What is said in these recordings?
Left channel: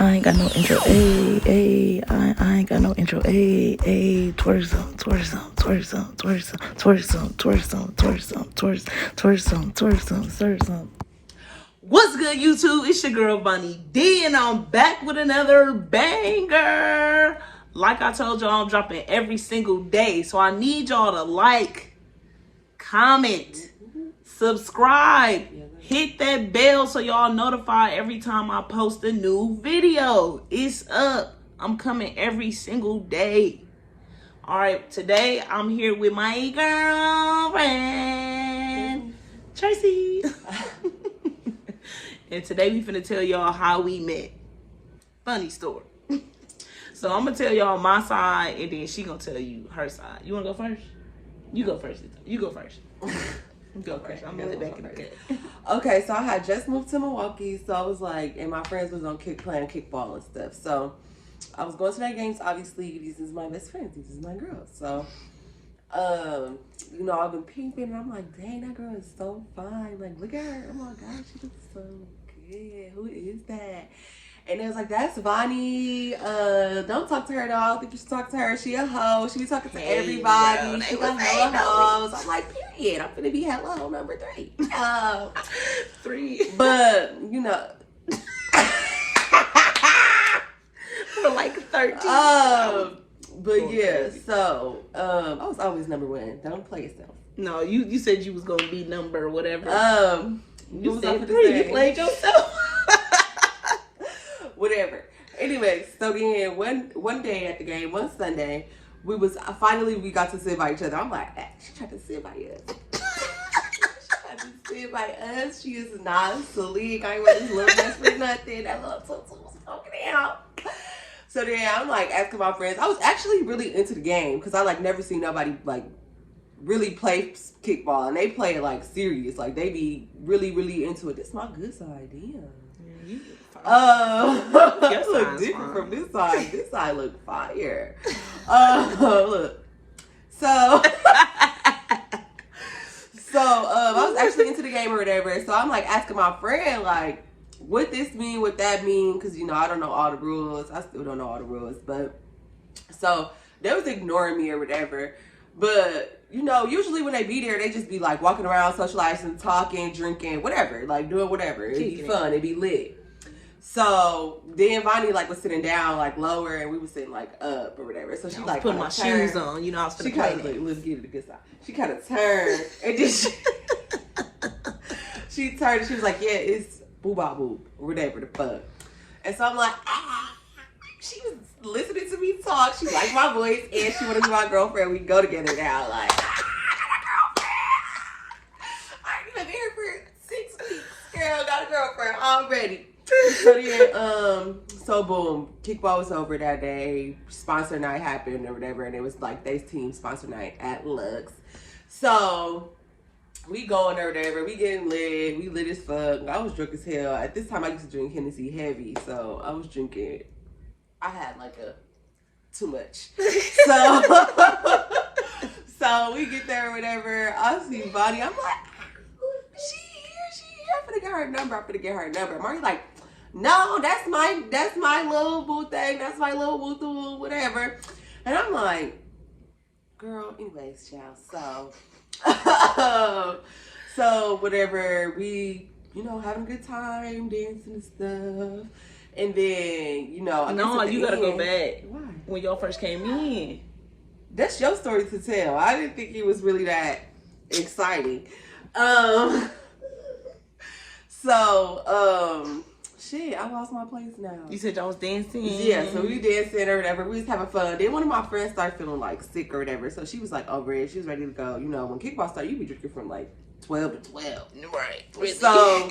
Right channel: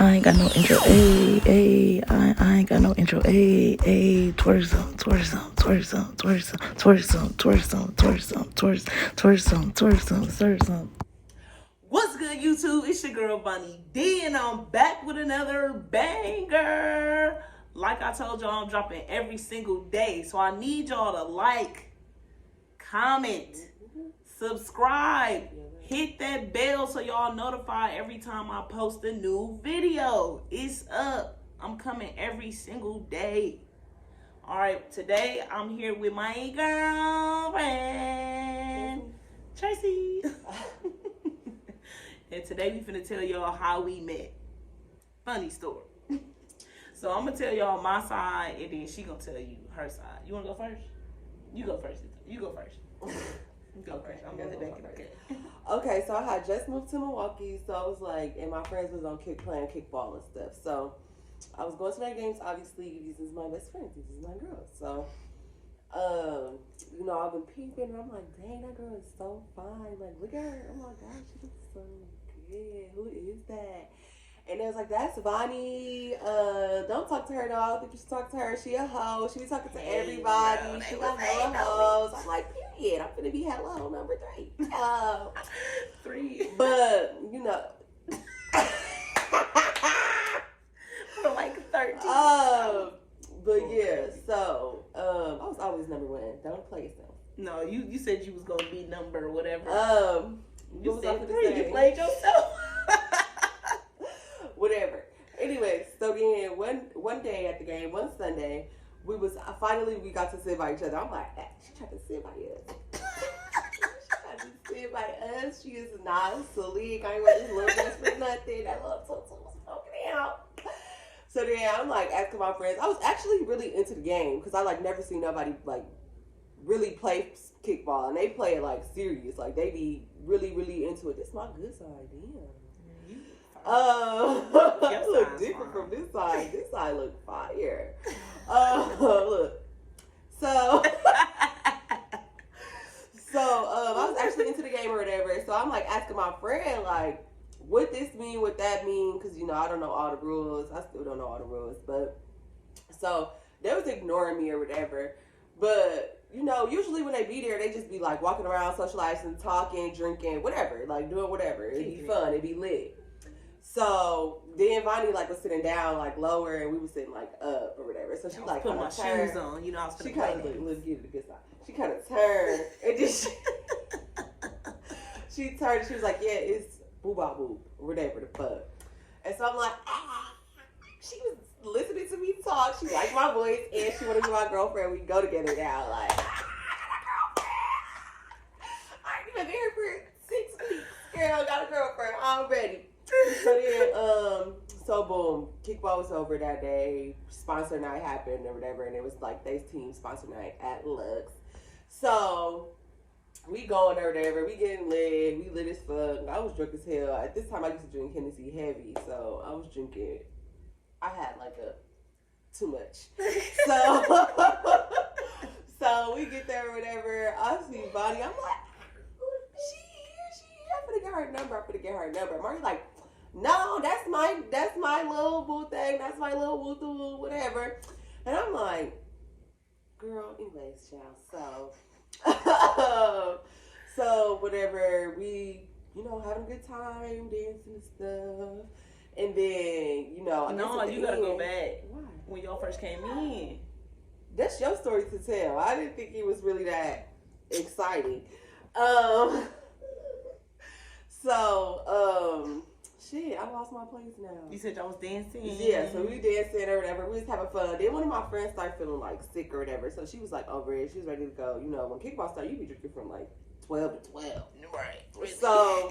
I ain't got no intro, ayy, ayy. I ain't got no intro, ayy, ayy. Twerk some, twerk some, twerk some, twerk some, twerk some, twerk some, twerk some, twerk some, twerk some, twerk some. What's good, YouTube? It's your girl Bonnie D, and I'm back with another banger. Like I told y'all, I'm dropping every single day, so I need y'all to like, comment, subscribe, hit that bell so y'all notified every time I post a new video. It's up. I'm coming every single day. All right, today I'm here with my girlfriend, Tracy. And today we finna tell y'all how we met. Funny story. So I'm gonna tell y'all my side, and then she gonna tell you her side. You wanna go first? You go first. You go first. Go first. I'm gonna back in the cut. Okay, so I had just moved to Milwaukee, so I was like, and my friends was on playing kickball and stuff. So I was going to their games. Obviously, these is my best friends. These is my girls. So, I've been peeping, and I'm like, dang, that girl is so fine. Like, look at her. Oh my God, she looks so good. Who is that? And it was like, that's Vonnie. Don't talk to her at all. I don't think you should talk to her. She a hoe. She be talking to everybody. Girl, she got hella hoes. I'm like, period. I'm finna be hello number 3. 3. But, For like 13. But yeah, so, I was always number 1. Don't play yourself. No, you said you was gonna be number whatever. You said 3. You played yourself. Whatever. Anyway, so then one day at the game, one Sunday, we got to sit by each other. I'm like, she tried to sit by us. She is not sleek. I ain't wear this little mess for nothing. That little tutu was poking out. So then I'm like asking my friends. I was actually really into the game because I like never seen nobody like really play kickball, and they play it like serious. Like they be really, really into it. This is my good side, damn. That look different from this side. This side look fire. Look. So, I was actually into the game or whatever. So I'm like asking my friend, like, what this mean, what that mean? Because, I don't know all the rules. I still don't know all the rules. But, so they was ignoring me or whatever. But, usually when they be there, they just be like walking around, socializing, talking, drinking, whatever. Like doing whatever. It'd be fun. It'd be lit. So then Vonnie like was sitting down like lower, and we was sitting like up or whatever. So she like putting my shoes on, I was she kind of like, let's get it a good side. She kind of turned and then she turned and she was like, yeah, it's boo ba boo or whatever the fuck. And so I'm like, she was listening to me talk. She liked my voice and she wanted to be my girlfriend. We go together now. Like, I ain't been here for 6 weeks. Girl, got a girlfriend already. So then, so boom, kickball was over that day. Sponsor night happened or whatever, and it was like they team sponsor night at Lux. So we going or whatever, we getting lit, we lit as fuck. I was drunk as hell. At this time, I used to drink Hennessy heavy, so I was drinking. I had like too much. So we get there or whatever. I see Bonnie. I'm like, she here. I'm finna get her number. Marty's like, no, that's my little boo thing. That's my little woo whatever. And I'm like, girl, anyways, child. So whatever, we, having a good time, dancing and stuff. And then, No, you gotta go back. Why? When y'all first came in. That's your story to tell. I didn't think it was really that exciting. Shit, I lost my place now. You said y'all was dancing? Yeah, so we dancing or whatever. We was having fun. Then one of my friends started feeling like sick or whatever. So she was like over it. She was ready to go. When kickball started, you be drinking from like 12 to 12. Right. Really. So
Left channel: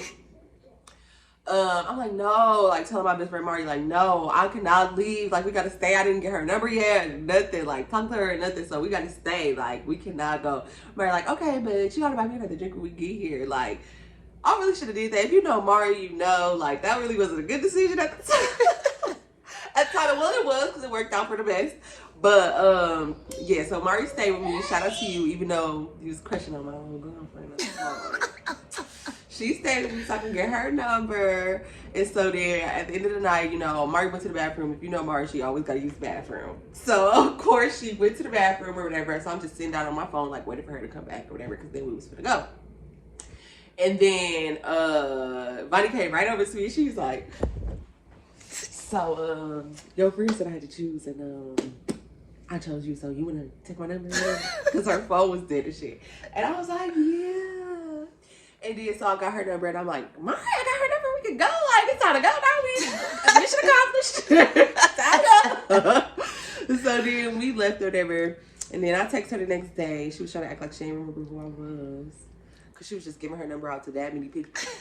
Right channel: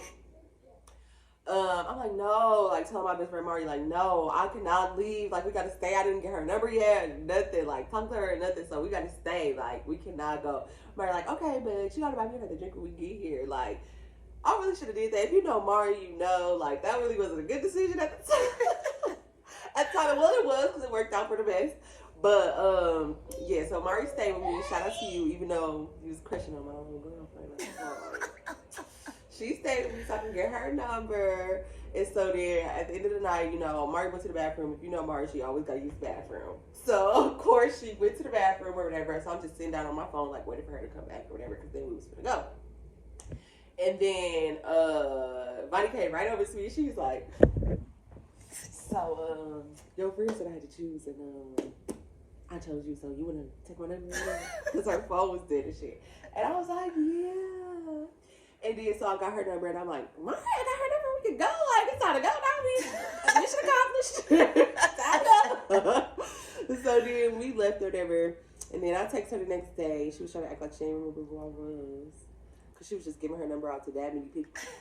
I'm like, no, like telling my best friend Marty, like, no, I cannot leave. Like, we gotta stay. I didn't get her number yet. Nothing. Like, talk to her or nothing. So we gotta stay. Like, we cannot go. Marty, like, okay, but you gotta buy me another drink when we get here. Like, I really should have did that. If you know Mari, like, that really wasn't a good decision at the time. At the time, well, it was because it worked out for the best. But, yeah, so Mari stayed with me. Shout out to you, even though you was crushing on my old girlfriend. She stayed with me so I can get her number. And so then at the end of the night, you know, Mari went to the bathroom. If you know Mari, she always gotta use the bathroom. So of course she went to the bathroom or whatever. So I'm just sitting down on my phone, like waiting for her to come back or whatever, because then we was gonna go. And then Bonnie came right over to me. She was like, so your friend said I had to choose, and I chose you, so you wanna take my number? Because her phone was dead and shit. And I was like, yeah. And then so I got her number, and I'm like, Mari, I got her number. We can go. Like, it's time to go now. Mission accomplished. So then we left or whatever. And then I texted her the next day. She was trying to act like she didn't remember who I was. Because she was just giving her number out to that many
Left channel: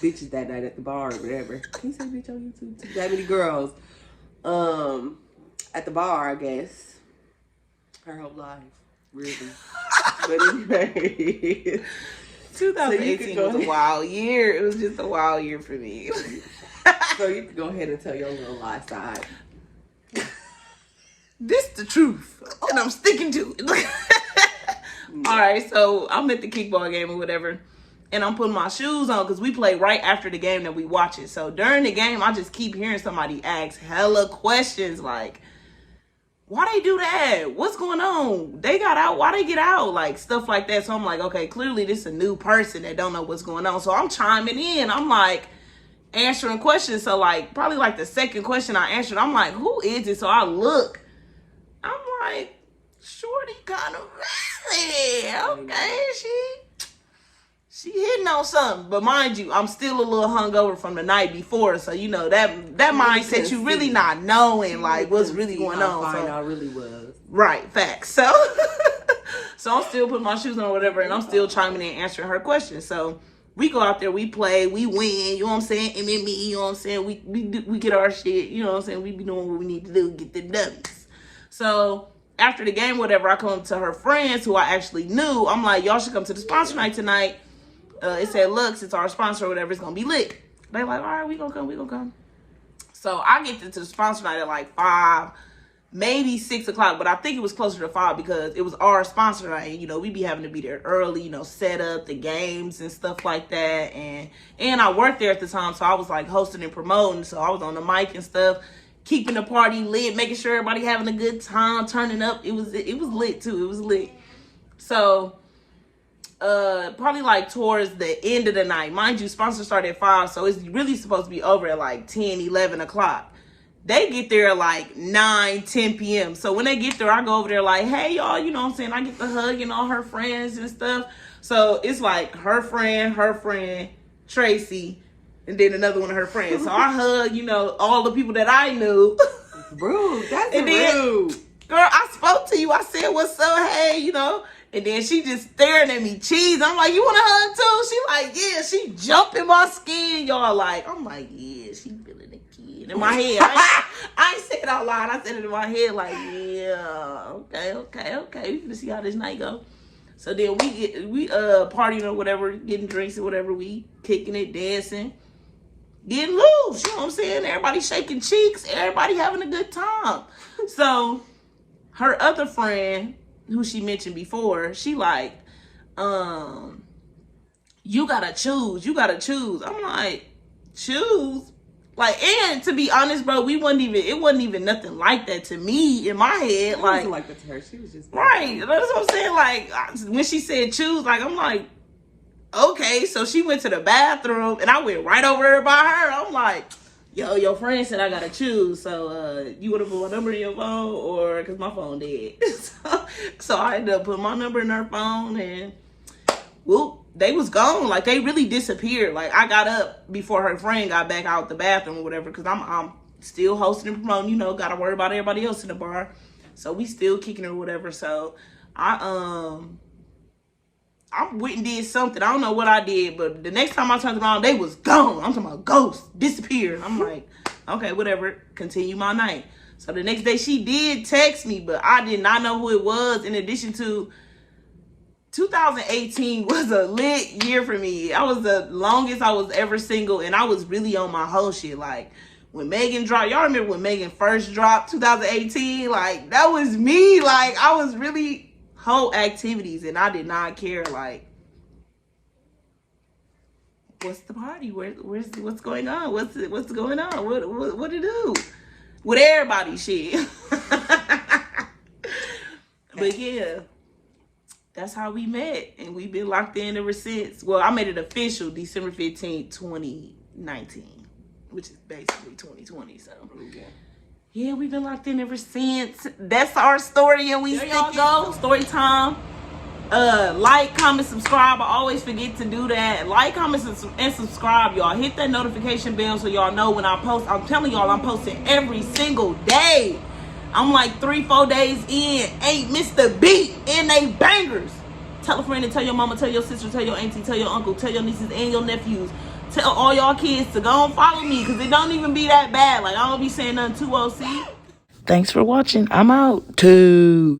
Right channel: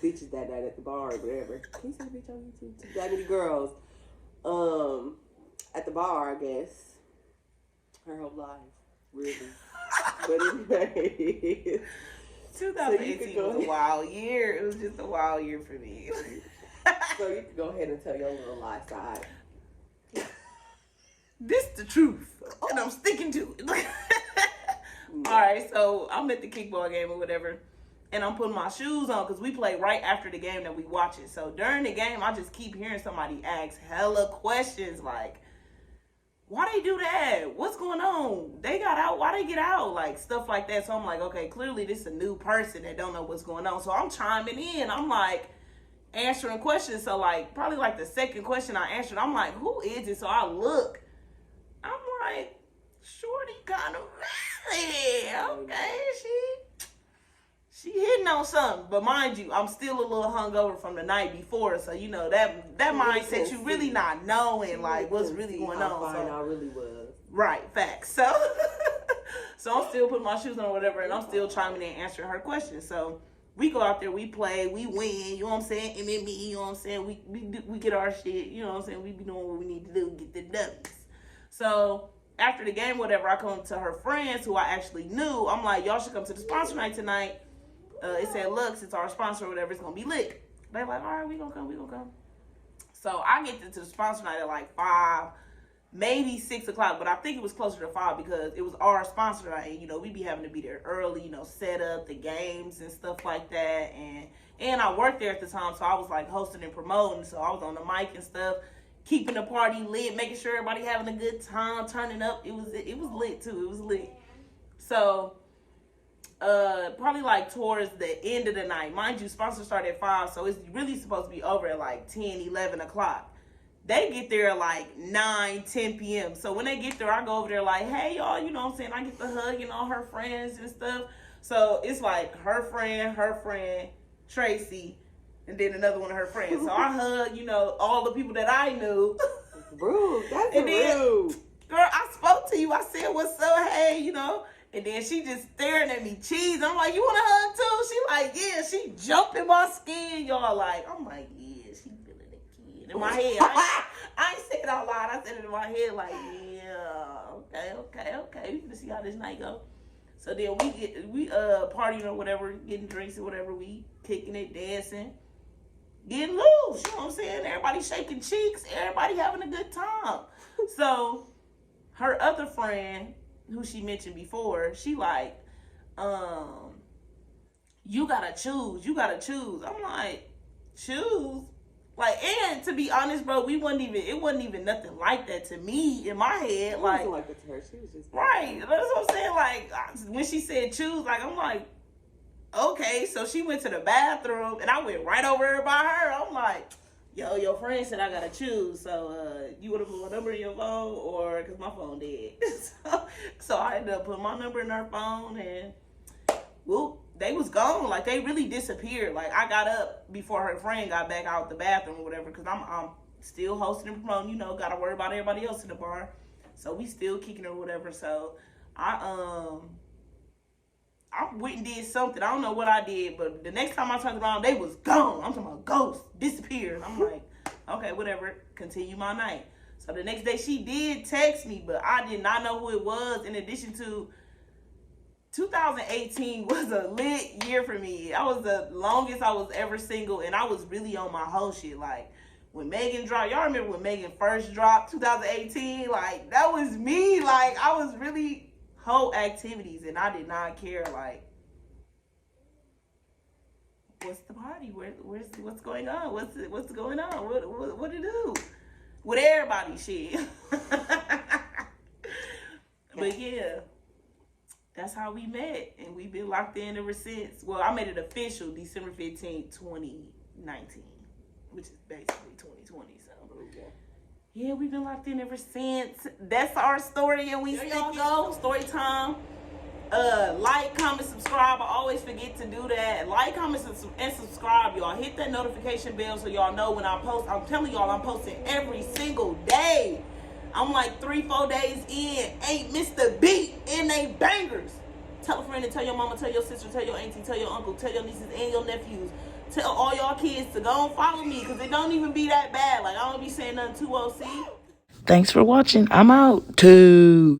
bitches that night at the bar or whatever. Can you say bitch on YouTube? To that many girls. At the bar, I guess. Her whole life. Really. But anyway. 2018 was a wild year. It was just a wild year for me. So you can go ahead and tell your little lie side. This the truth, and I'm sticking to it. All right, so I'm at the kickball game or whatever, and I'm putting my shoes on because we play right after the game that we watch it. So during the game, I just keep hearing somebody ask hella questions like, why they do that? What's going on? They got out. Why they get out? Like, stuff like that. So I'm like, okay, clearly this is a new person that don't know what's going on. So I'm chiming in. I'm like answering questions. So like, probably like the second question I answered, I'm like, who is it? So I look. I'm like, shorty kind of really. Okay, she hitting on something. But mind you, I'm still a little hungover from the night before. So, you know, that mindset, you really not knowing, like, what's really going on. So I really was. Right, facts. So, so I'm still putting my shoes on or whatever, and I'm still chiming in, answering her questions. So we go out there, we play, we win, you know what I'm saying? MMA, you know what I'm saying? We get our shit, you know what I'm saying? We be doing what we need to do, get the W's. So after the game, whatever, I come up to her friends who I actually knew. I'm like, y'all should come to the sponsor night tonight. It said, Lux, it's our sponsor or whatever. It's going to be lit. They're like, all right, we going to come. So I get to the sponsor night at like 5, maybe 6 o'clock. But I think it was closer to 5 because it was our sponsor night. And, you know, we be having to be there early, you know, set up the games and stuff like that. And I worked there at the time. So I was like hosting and promoting. So I was on the mic and stuff, keeping the party lit, making sure everybody having a good time, turning up. It was lit too. It was lit. So probably like towards the end of the night, mind you, sponsor started at 5, so it's really supposed to be over at like 10, 11 o'clock. They get there at like 9, 10 p.m. So when they get there, I go over there like, hey y'all, you know what I'm saying? I get the hug and all her friends and stuff. So it's like her friend, Tracy, and then another one of her friends. So I hug, you know, all the people that I knew. Rude. That's and rude. Then, girl, I spoke to you. I said, what's up? Hey, you know. And then she just staring at me, cheese. I'm like, you want a hug too? She like, yeah. She jumping my skin. Y'all like, I'm like, yeah, she feeling the kid. In my head. I ain't say it out loud. I said it in my head like, yeah, okay. We finna see how this night go. So then we partying or whatever, getting drinks or whatever. We kicking it, dancing. Getting loose, you know what I'm saying? Everybody shaking cheeks, everybody having a good time. So her other friend, who she mentioned before, she like, you gotta choose. I'm like, choose? Like, and to be honest, bro, it wasn't even nothing like that to me in my head. It like, wasn't like that to her. She was just right. That's what I'm saying. Like, when she said choose, like, I'm like, okay, so she went to the bathroom, and I went right over there by her. I'm like, yo, your friend said I gotta choose, so you wanna put my number in your phone, or, cause my phone dead. so I ended up putting my number in her phone, and whoop, they was gone. Like, they really disappeared. Like, I got up before her friend got back out the bathroom or whatever, cause I'm still hosting and promoting, you know, gotta worry about everybody else in the bar. So we still kicking or whatever. So I went and did something. I don't know what I did, but the next time I turned around, they was gone. I'm talking about ghosts, disappeared. I'm like, okay, whatever, continue my night. So the next day she did text me, but I did not know who it was. In addition to, 2018 was a lit year for me. I was the longest I was ever single, and I was really on my whole shit. Like, when Megan dropped, y'all remember when Megan first dropped, 2018? Like, that was me. Like, I was really whole activities, and I did not care. Like, what's the party? What's going on? What's going on? What to do? With everybody shit. But yeah, that's how we met, and we've been locked in ever since. Well, I made it official December 15th, 2019, which is basically 2020. So yeah, we've been locked in ever since. That's our story, and there y'all go. Story time. Like, comment, subscribe. I always forget to do that. Like, comment, and subscribe, y'all. Hit that notification bell so y'all know when I post. I'm telling y'all, I'm posting every single day. I'm like 3-4 days in, ain't missed a beat, and they bangers. Tell a friend and tell your mama, tell your sister, tell your auntie, tell your uncle, tell your nieces and your nephews. Tell all y'all kids to go and follow me, because it don't even be that bad. Like, I don't be saying nothing too OC. Thanks for watching. I'm out. Two.